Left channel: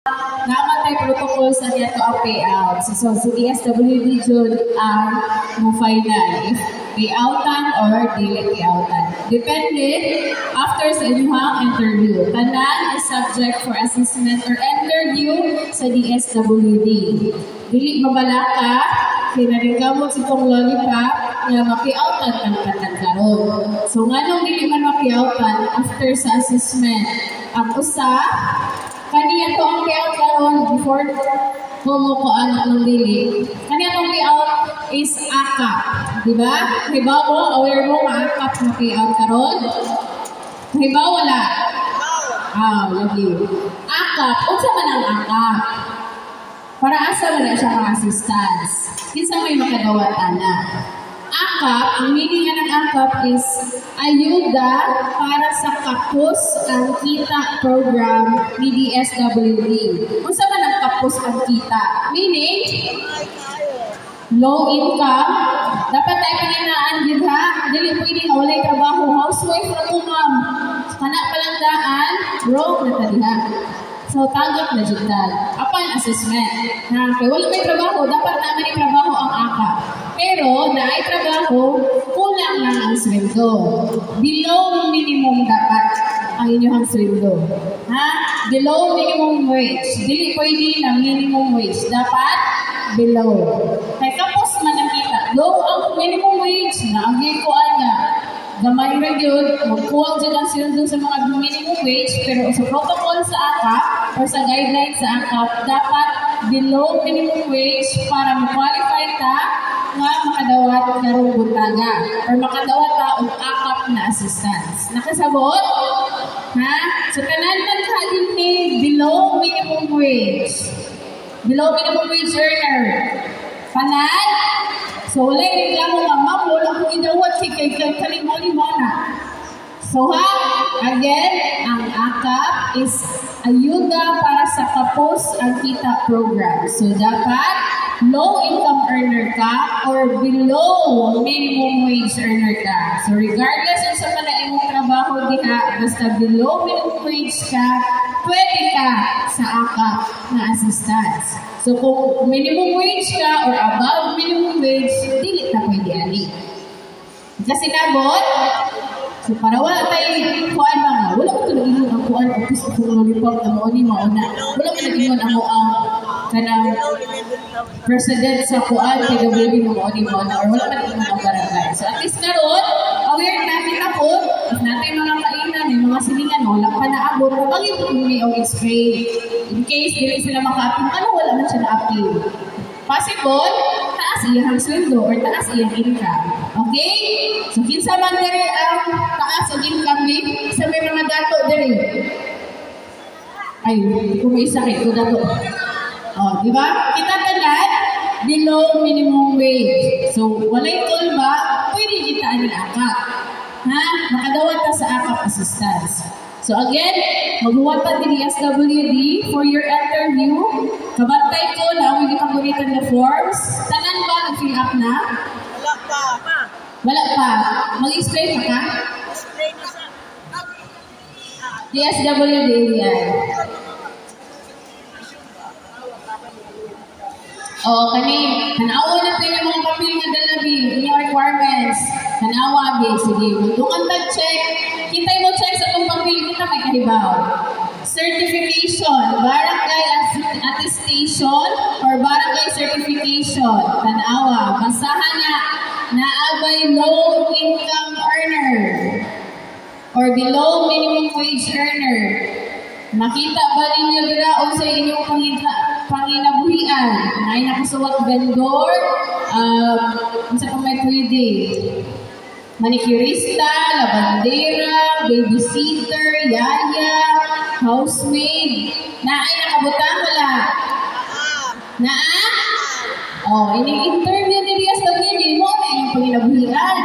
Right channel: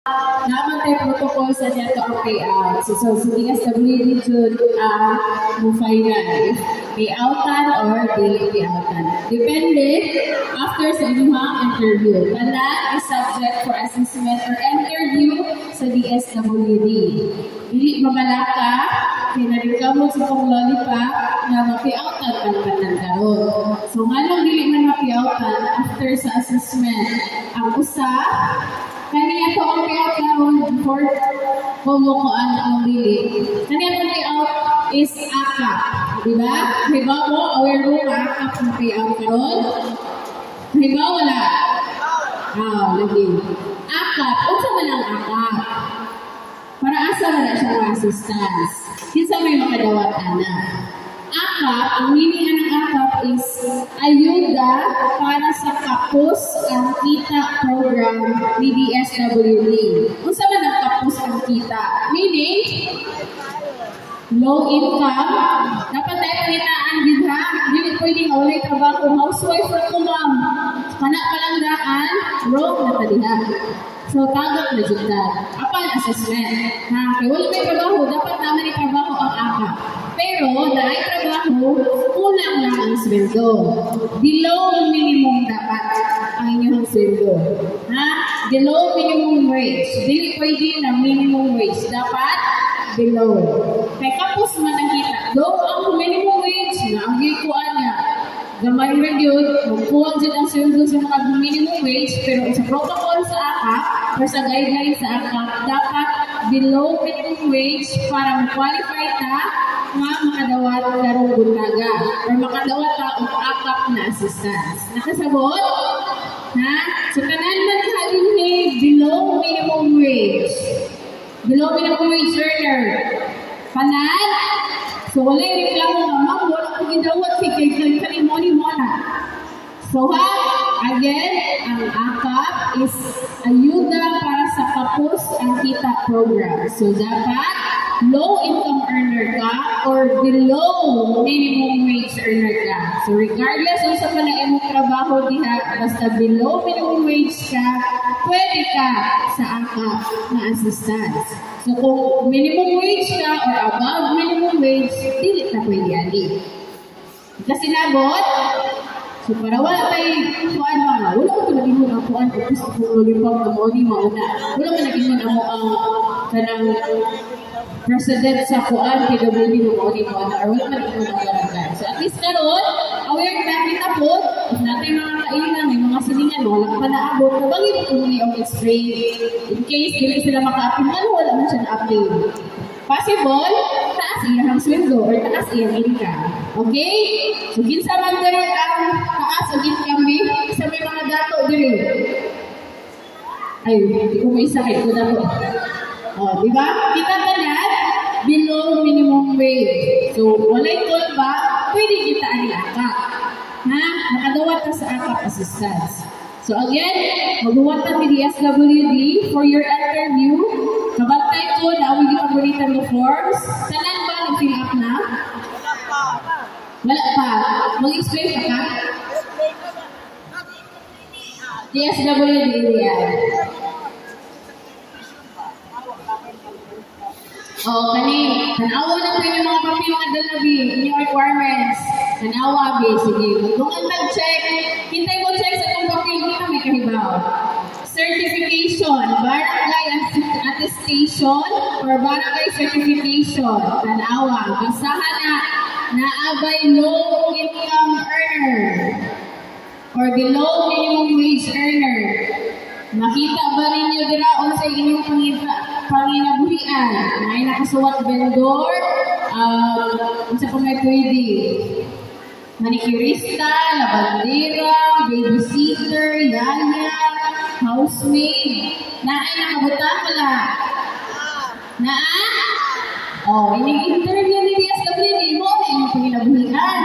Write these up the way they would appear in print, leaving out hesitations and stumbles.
Naman tayo protocol sa niya to ang payout. So, sa DSWD June ang mo final. If payoutan or dili payoutan. Depende after sa inyong interview. Tanan is subject for assessment or interview sa DSWD. Dili mabala ka, kinarigamo si kong lollipop nga mapayoutan kang tanan karon. So, nganong dili man mapayoutan after sa assessment. Ang usa, kaniya to ang payout karon before kumukuan ng dili. Kaniya tong payout is AKAP. Diba? Halimbawa mo, aware mo AKAP na payout karon? Halimbawa wala? Lagi. AKAP. Unsa man ang AKAP? Para asa man na siya mga assistance. Kinsa may makadawat ana. AKAP, ang meaning ng AKAP is ayuda para sa kapos ang kita program ni DSWD. Unsa man ang kapos ang kita? Meaning, low income, dapat tayo paninaan gid ha. Dili pwede nga walay trabaho, housewife ra ko ma'am. Kana palandaan, wrong na tadiha. So tagap na jud dad. Apan assessment. Ha, kay wala may trabaho, dapat naman ni trabaho ang AKAP. Pero naay trabaho, kulang lang ang sweldo. Below minimum dapat ang inyong sweldo. Ha? Below minimum wage. Dili pwede na minimum wage. Dapat below. Kay kapos man ang kita. Low ang minimum wage na ang gikuan nga. Gamay ra gyud, magkuwang jud ang sweldo sa mga minimum wage, pero sa protocol sa AKAP or sa guidelines sa AKAP, dapat below minimum wage para ma-qualify ta nga makadawat karong buntaga or makadawat ta og AKAP na assistance. Nakasabot? Ha? So tanan man ka dinhi below minimum wage. Below minimum wage earner. Panan? So wala yung reklamo nga, ma'am, wala akong gidawat kay kalimoni mo na. So ha, again, ang AKAP is ayuda para sa kapos ang kita program. So dapat low income earner ka or below minimum wage earner ka. So regardless kung sa man imong trabaho diha, basta below minimum wage ka, pwede ka sa AKAP na assistance. So kung minimum wage ka or above minimum wage, dili na pwede ali. Kasi nabot, so para wala tayo kuan mga, wala ko ito nag-ingon ang kuan, o gusto kong lollipop na mo ni mauna. Wala ko nag-ingon ang mo ang kanang president sa kuan, PWD mo ni mauna, or wala ko nag-ingon ang barangay. So at least karoon, aware natin ako, if natin mga kainan, may mga silingan, wala pa naabot, nabangin ko kung may spray. In case, dili sila maka-active, wala man siya na-active. Possible, taas iyang sweldo or taas iyang income. Okay? So, kinsa man dire ang taas o income ni, sa may mga dato dire. Ay, hindi ko may sakit ko dato. O, di ba? Kita tanan, below minimum wage. So, walay ba, pwede kita ang AKAP. Ha? Nakadawat ta sa AKAP assistance. So again, magbuwata ni DSWD for your interview. Kabantay ko na awig ipaguritan na forms. Tanan ba nag-fill up na? Wala pa. Wala pa. Mag-explain pa ka? DSWD yan. O, tanawa na tayo ng mga papel nga dalabi, inyong requirements. Tanawa, abi. Sige, magtungan tag-check. Kitay mo check sa itong papel, kita may kahibaw. Certification, barangay attestation, or barangay certification. Tanawa, basahan na naabay low income earner or below minimum wage earner. Nakita ba ninyo diraon sa inyong panginabuhian? Na ay nakasuwat vendor, unsa pa may pwede? Manicurista, labandera, babysitter, yaya, housemaid. Naay nakabutang wala? Naa? Oh, ining interview ni DSWD mo na inyong panginabuhian.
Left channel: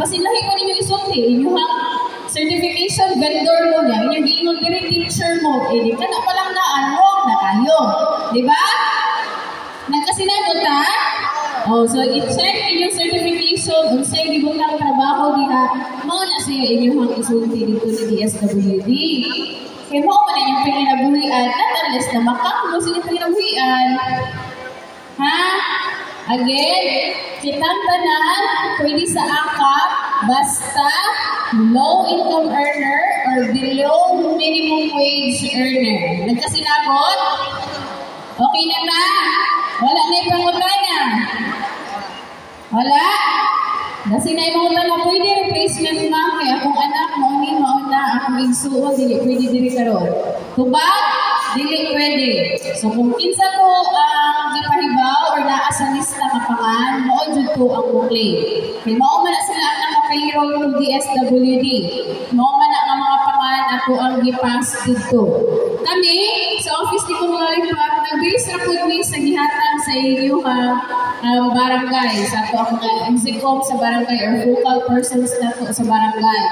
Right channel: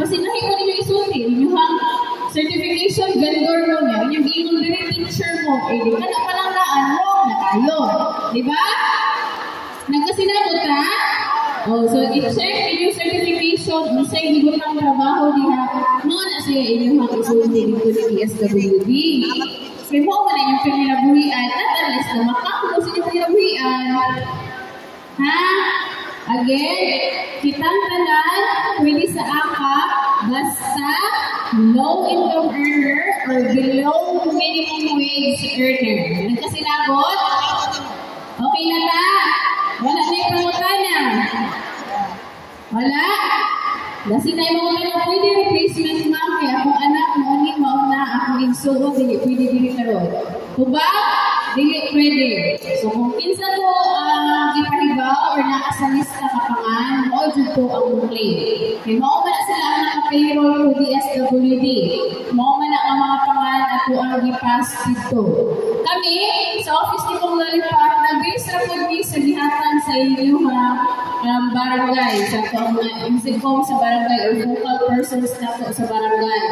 Basin lahi ko ninyo isulti, inyong certification vendor mo niya, inyong giingol diri teacher mo, di ka na palang naanok na kayo. Diba? Nagkasinabot ha? Oh, so i-check inyong certification, unsay gibutang trabaho diha, mao na siya inyong isulti dito ni DSWD. Kaya mo man inyong panginabuhian, at unless na Again, kitang tanan, pwede sa akap, basta low income earner or below minimum wage earner. Nagkasinabot? Okay na ta? Wala na yung pangutana? Wala? Kasi na yung mga pwede replacement ma'am, kaya akong anak, mauni, mauna, akong igsuon, dili pwede dili karon. Tubag? Dili pwede. So kung kinsa ko gipahibaw or naa sa lista kapangan, mao jud to ang mukli. Kay mao man na sila ang naka-payroll to DSWD. Mao man na ang mga pangan ato ang gipass dito. Kami sa office ni Kong Lollipop, nag-base ra pud mi sa gihatag sa inyo barangay, sa ato ang mga MCCOM sa barangay or focal persons nato sa barangay,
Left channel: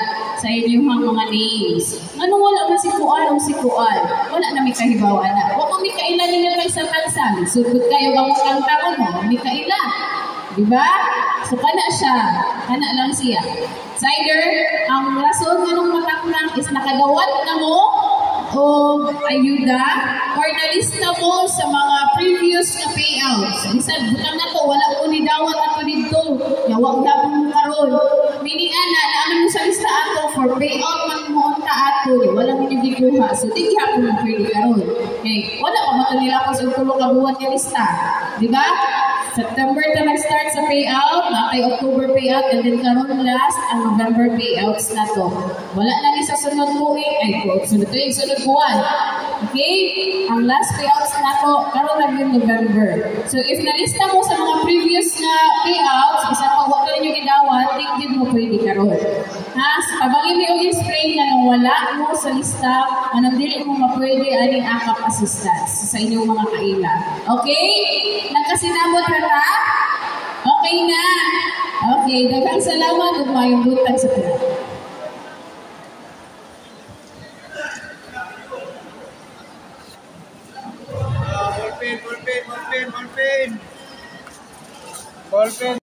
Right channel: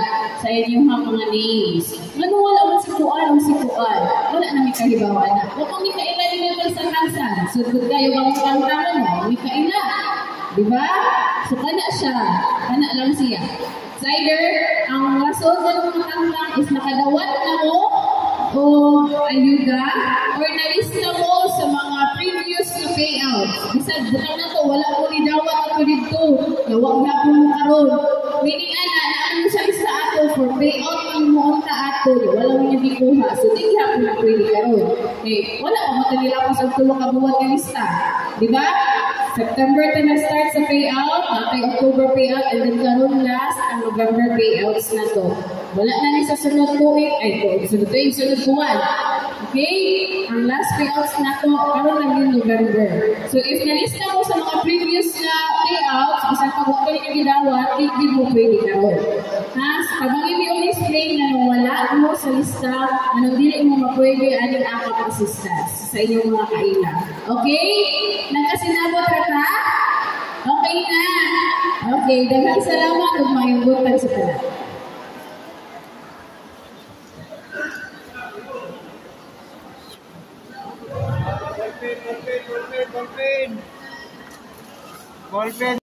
sa inyong mga names. Ano wala man si Kuan o si Kuan? Wala na may kahibawan na. Huwag kung may kailan ninyo kay sa tansan. Sudod kayo bang kantangan mo? May kailan. Diba? So, kana siya. Kana lang siya. It's either, ang rason mo nung matangkang is nakadawat na mo o ayuda or nalista mo sa mga previous na payouts. Bisan, butang na to, wala ko ni dawat ako dito. Yawag yapon mo karon. Meaning, naamin mo sa lista ato for payout ng mo unta ato. Wala mo niya gikuha. So, di yapon mo pwede karon. Okay, wala pa matalilapos ang tulong kabuhat ng lista. Diba? September na nag-start sa payout, natay October payout, and then karon last ang November payouts na to. Wala na ni sa sunod tuig, sunod buwan. Okay? Ang last payouts na to, karon lang yung November. So if nalista mo sa mga previous na payouts, isang pag wala ninyo gidawat, di mo pwede karon. Ha? Kabangin mo yung spring na nang wala mo sa lista, anong dili mo mapwede aning akap assistance sa inyong mga kailan. Okay? Nagkasinabot ka ta? Okay na. Okay, daghang salamat ug maayong buntag sa tanan. Ballpen.